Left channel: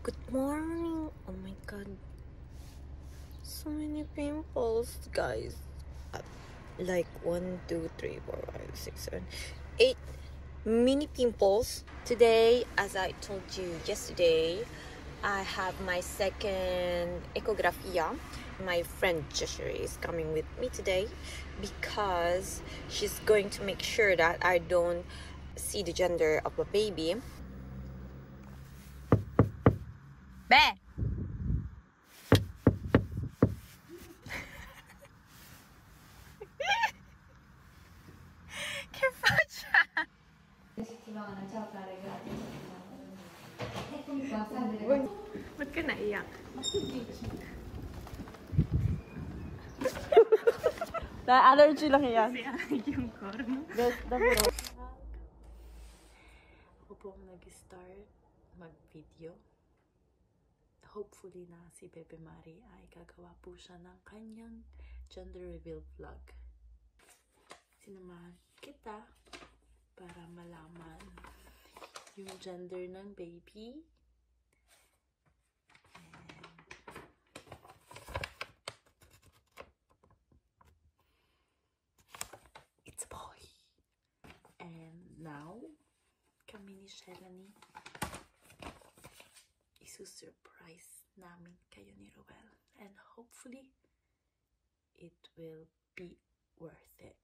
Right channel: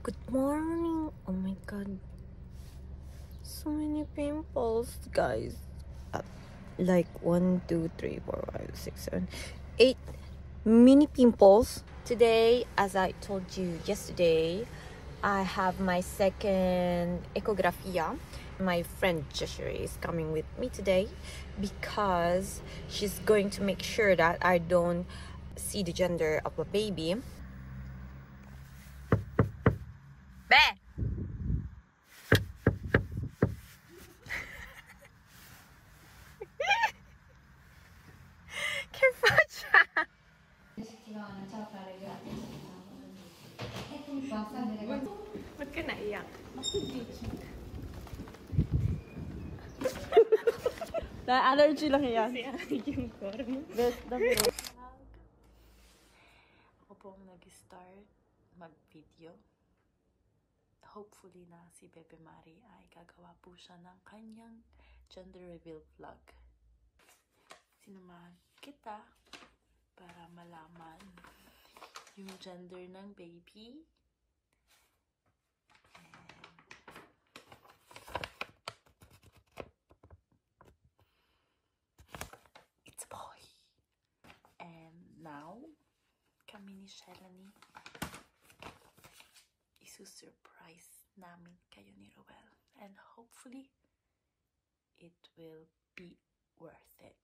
Good morning. Oh my god. So many pimples, guys. Like 1, 2, 3, 4, 5, 6, 7, 8 mini pimples. Today, as I told you yesterday, I have my second ecografia. My friend Jeshri is coming with me today because she's going to make sure that I don't see the gender of a baby. Be! Che faccia? Ba't ka naiyak? Na-allergy lang yan. Yung corn. Ako po ang nag-start mag-video. Hopefully na si Bebe Mari ay gagawa po siya ng kanyang gender reveal vlog. Sinamahan kita para malaman yung gender ng baby. It's a boy. And now, kami ni Shelani, isu-surprise namin kayo ni Roel. And hopefully, it will be worth it.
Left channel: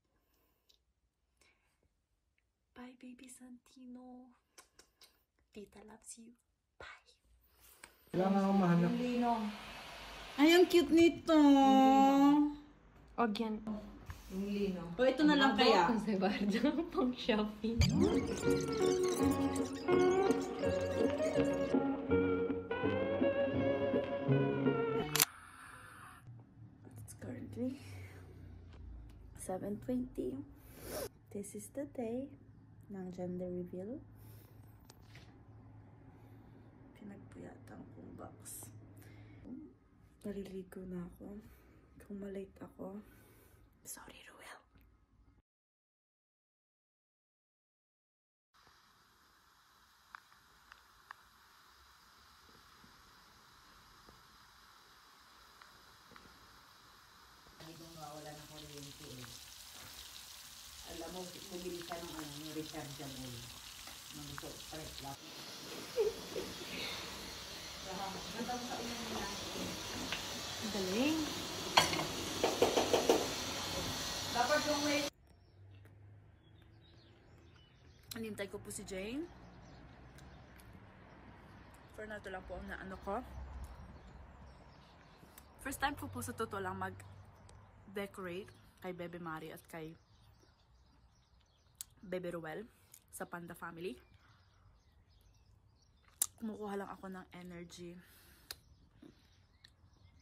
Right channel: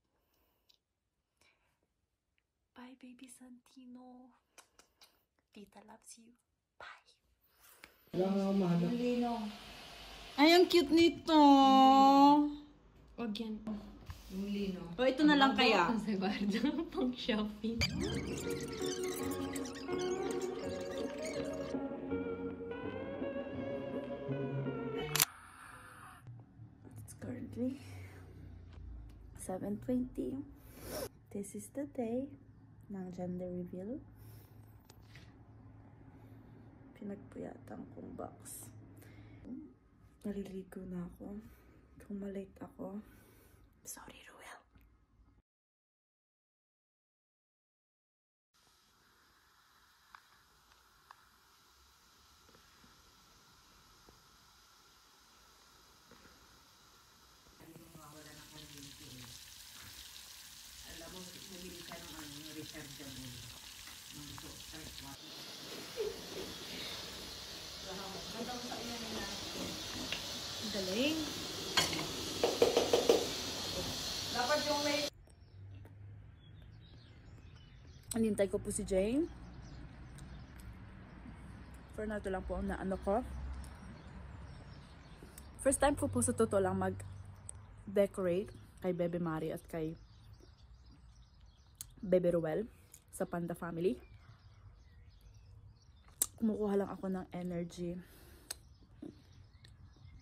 Bye, baby Santino. Tita loves you. Bye. Ay, ang cute nito. Again. O, ito na lang kaya. Pang shopping. It's currently 7:20. This is the day ng gender reveal. Pinagpuyatan kong box. Naliligo na ako. Kung malate ako, sorry, Roel. Hindi mo mawala ng kuryente eh. Alam mo, bumili ka ng rechargeable. Ng stress lang. Gandang sa ina nila. Ang galing. Dapat yung may... Anintay ko po si Jane. So, ito lang po na ano ko. First time po sa totoo lang mag-decorate kay Bebe Mari at kay Bebe Roel sa Panda Family. Kumukuha lang ako ng energy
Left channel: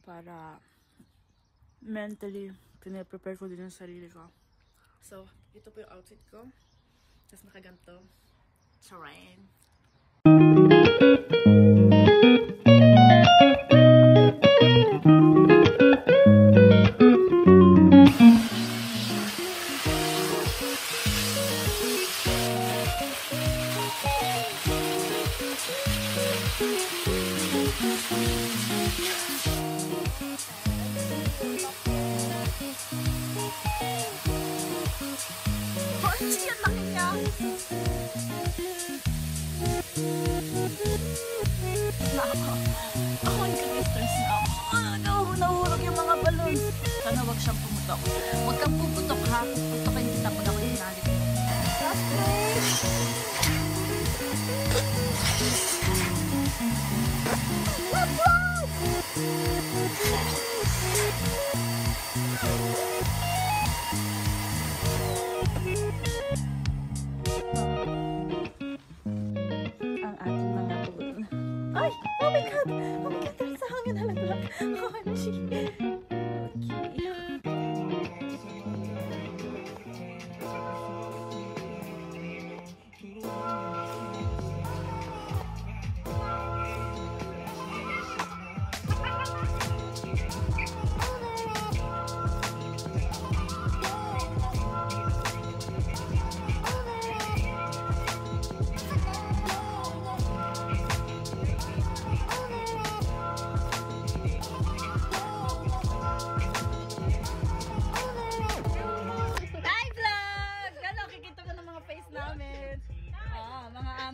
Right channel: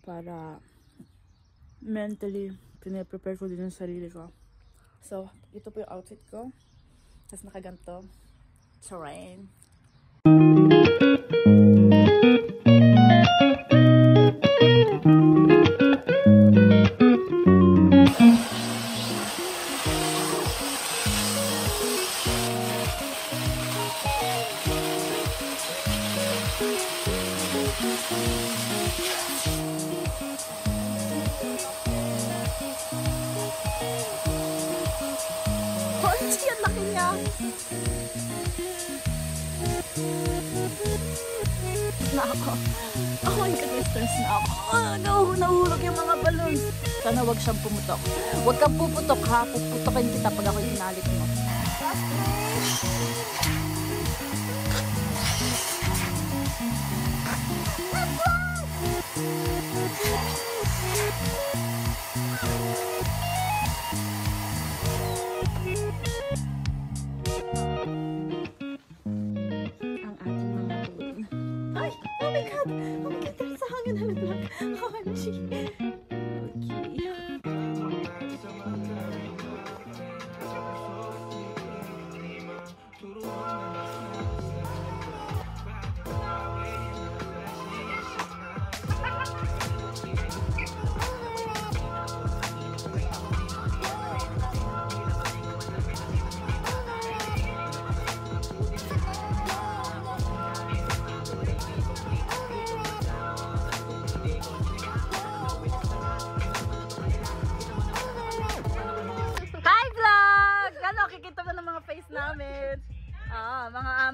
para mentally pinaprepare ko din ang sarili ko. So, ito po yung outfit ko. Tapos nakaganto. Terrain. Holy, ang laki niya! Na ako. Oh my God, stress na ako. Nahulog yung mga balloons. Sana wag siyang pumutok. Huwag kang puputok ha. Puputokin kita pag ako inalit mo. Ang ating mga balloon. Ay! Oh my God! Oh my God! Sa hangin halaglag. OMG!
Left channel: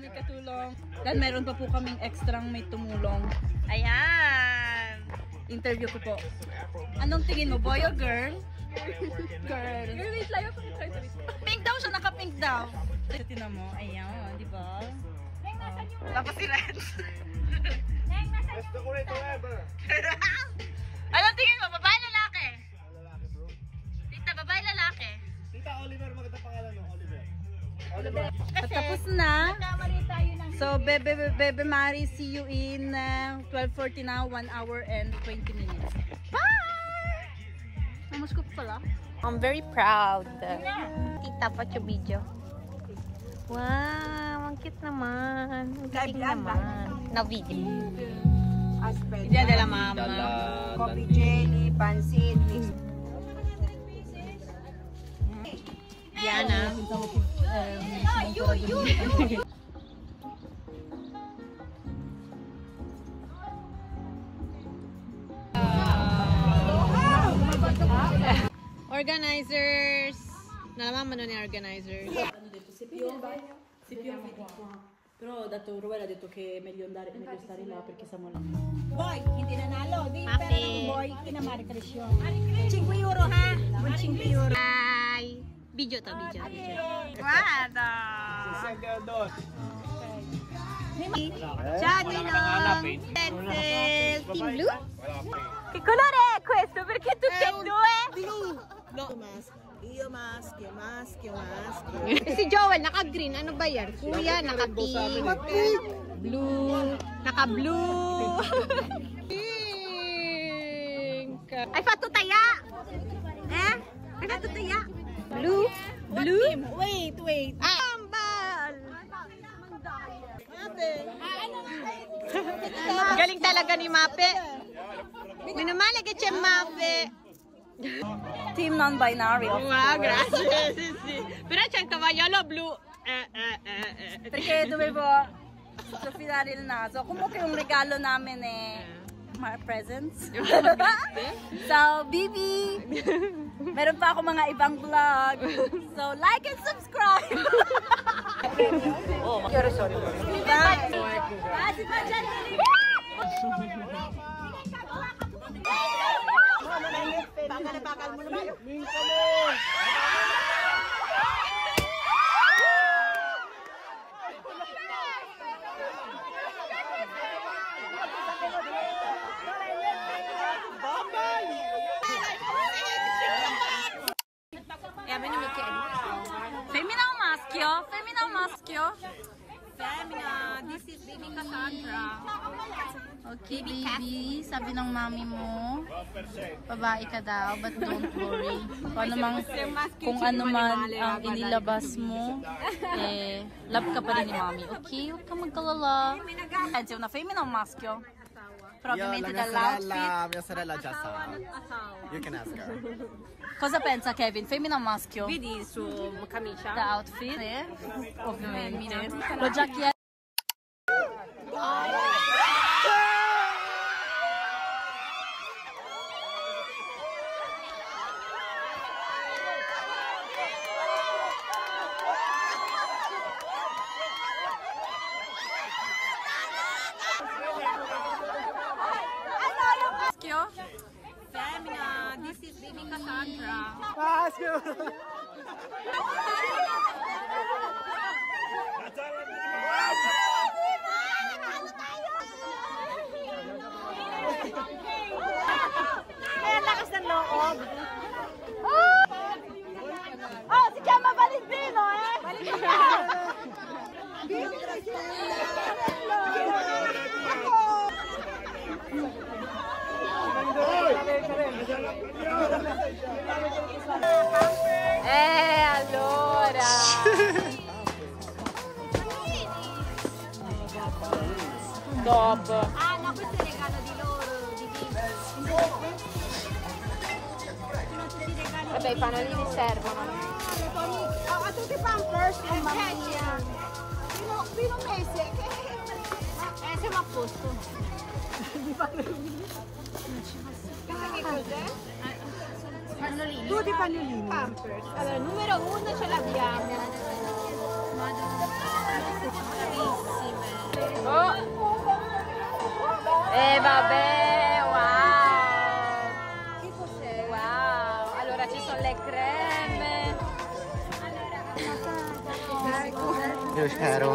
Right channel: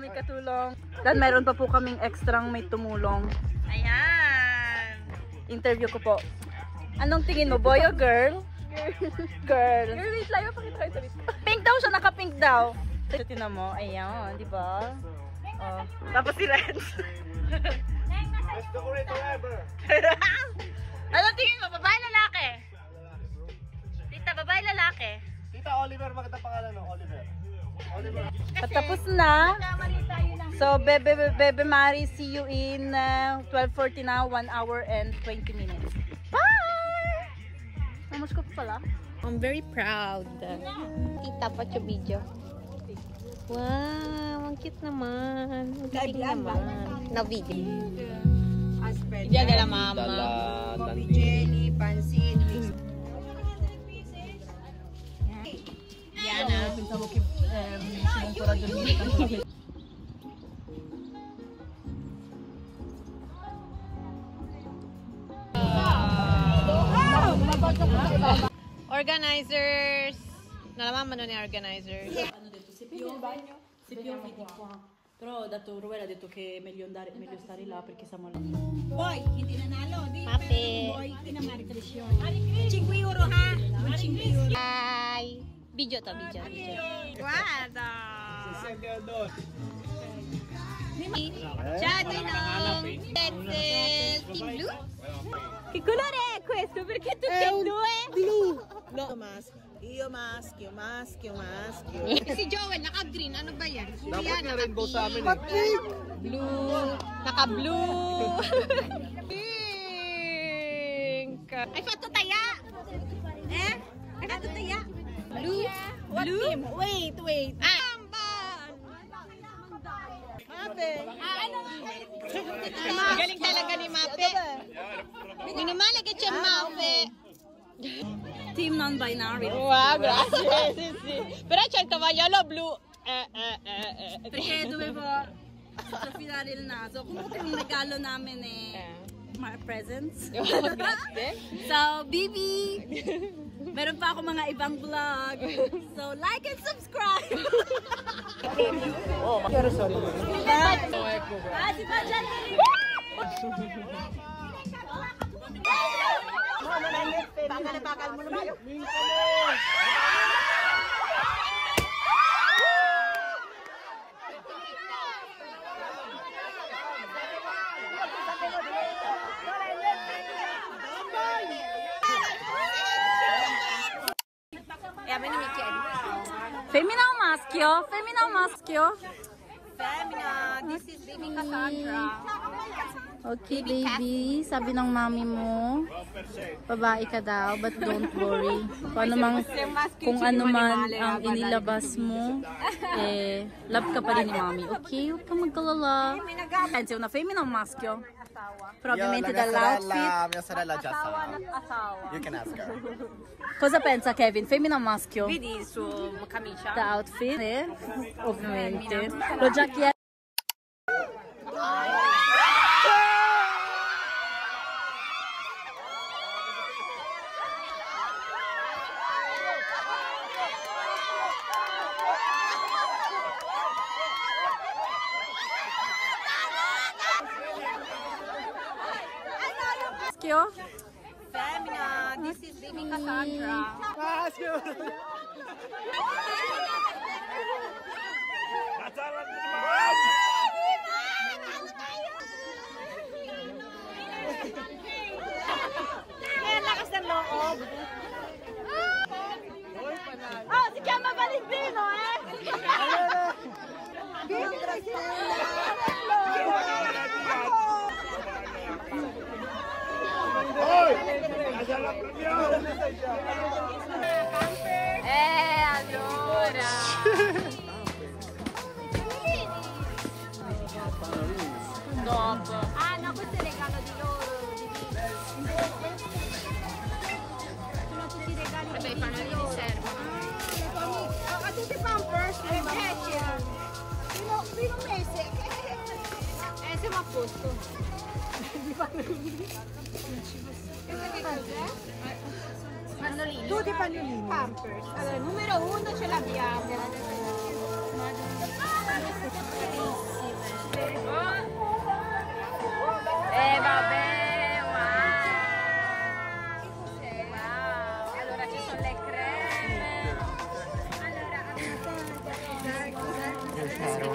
aming katulong. Dan meron pa po kaming extrang may tumulong. Ayan. Interview ko po. Anong tingin mo, boy o girl? Girl. Girl, wait lang. Pakita kayo dito. Pink daw siya, naka-pink daw. So, tinan mo. Ayan, di ba? Oh. Tapos si Renz. Best decorator ever. Anong tingin mo, babae lalaki? Lalaki bro. Tita, babae lalaki? Tita Oliver, maganda pangalan no? Oliver. Oliver. Patapos na. So, Bebe Mari, see you in 12:40 now, 1 hour and 20 minutes. Bye! Namas ko pa pala. I'm very proud. Kita pa yung video. Wow, ang cute naman. Nag-video. Aspect. Diyan dala mama. Coffee jelly, pansit, mix. Yana. Organizers. Nalaman mo ni organizers. Però ho detto, Ruel ha detto che è meglio stare là perché siamo Boy, hindi nanalo. Di Mape. pero boy, kinamari presyon. 5 euro ha? 5 euro. Hi. Video to, video. Guarda! Ciao, Blue. Che colore è questo? Perché tutte e due? Blue. No. Io maschio. Si Joel, naka-green. Ano ba yan? Kuya, naka-pink. Blue. Naka-blue. Pink. Hai fatto taya? Hai fatto taya? Blue. Blue? Wait. Ambal. Galing talaga ni Mape. Minumali ka siya, Mape. Team non-binary. Wow, grazie. Però c'è il tovagliolo blu. Perché dovevo profilare il naso. Comunque un regalo namin presents. So, Bibi, meron pa ako mga ibang vlog. So, like and subscribe. Bakal mo naman. Femmina o maschio? Femmina o maschio? Femina, this is baby Cassandra. Okay, baby. Sabi ng mami mo, babae ka daw, but don't worry. Kung ano man ang inilabas mo, love ka pa rin ni mami. Okay? Huwag ka magkalala. Pensi una femmina o maschio? Probabilmente dall'outfit. La mia sorella già sa. You can ask her. Cosa pensa Kevin? Femmina o maschio? Vedi il suo camicia? The outfit? Ovviamente. L'ho già chiesto. Femina, this is baby Cassandra. Kaya lakas ng loob. Oh, si chiama Valentino, Allora. Dopo. Ah, no, questo è il regalo di loro, di Vivi. Sono tutti regali. Vabbè, i pannolini servono. A tutti i pampers. Fino mese. Siamo a posto. Questo che cos'è? Pannolini. Tutti pannolini. Pampers. Allora, numero 1 ce l'abbiamo. Madonna. eyeshadow.